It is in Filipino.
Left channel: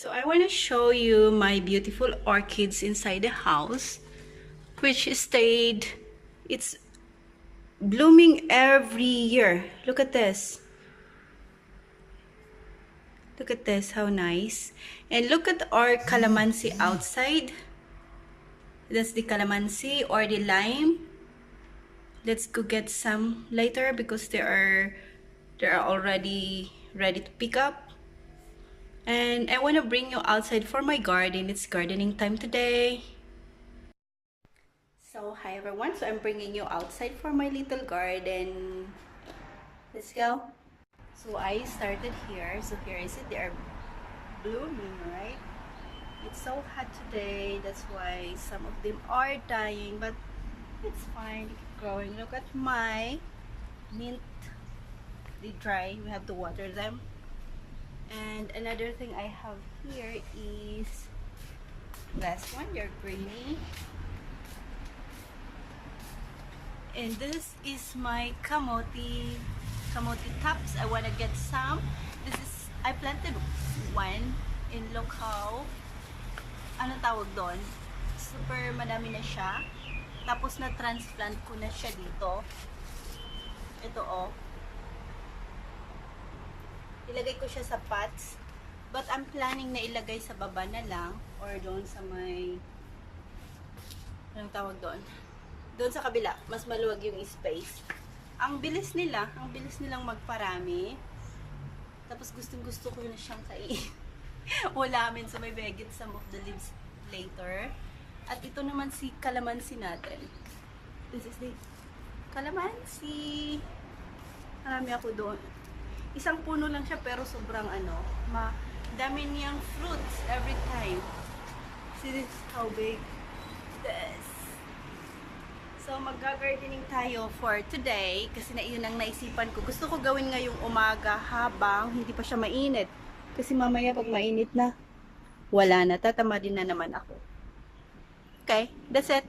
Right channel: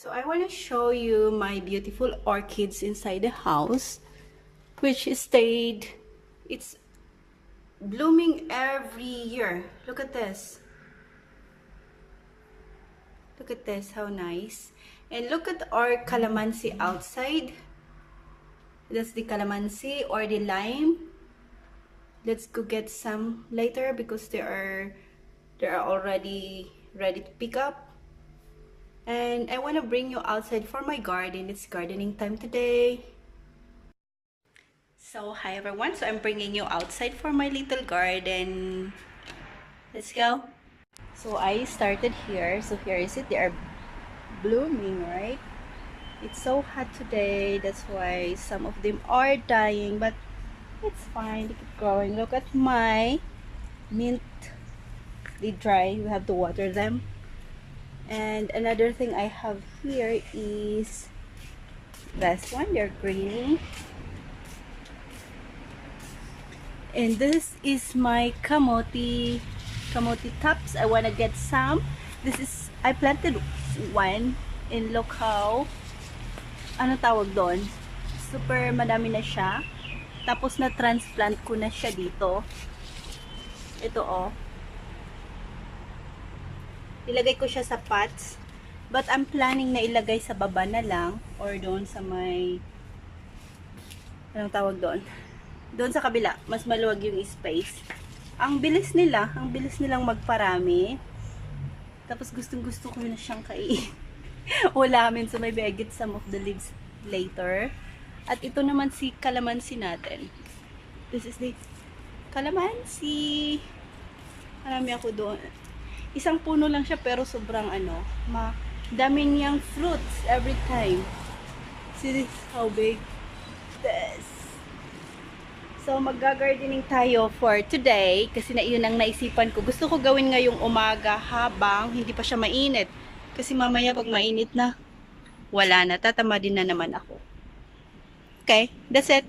So I want to show you my beautiful orchids inside the house, which stayed, it's blooming every year. Look at this. Look at this, how nice. And look at our calamansi outside. That's the calamansi or the lime. Let's go get some later because they are already ready to pick up. And I want to bring you outside for my garden. It's gardening time today. So hi everyone, so I'm bringing you outside for my little garden. Let's go. So I started here. So here is it. They are blooming, right? It's so hot today. That's why some of them are dying, but it's fine. They keep growing. Look at my mint. They dry. We have to water them. And another thing I have here is this one. They're greeny. And this is my kamote tops. I want to get some. This is, I planted one in look how, ano tawag doon? Super madami na siya. Tapos na transplant ko na siya dito. Ito oh. Ilagay ko siya sa pots. But I'm planning na ilagay sa baba na lang or doon sa may, anong tawag doon? Doon sa kabila, mas maluwag yung space. Ang bilis nilang magparami. Tapos gustong-gusto ko na siyang kainin. Ulamin, so maybe I get some of the leaves later. At ito naman si calamansi natin. This is the calamansi. Marami ako doon. Isang puno lang siya pero sobrang dami niyang fruits every time. See this, how big this. So, mag-gardening tayo for today kasi yun ang naisipan ko. Gusto ko gawin ngayong umaga habang hindi pa siya mainit. Kasi mamaya pag mainit na, wala na. Tatama din na naman ako. Okay, that's it.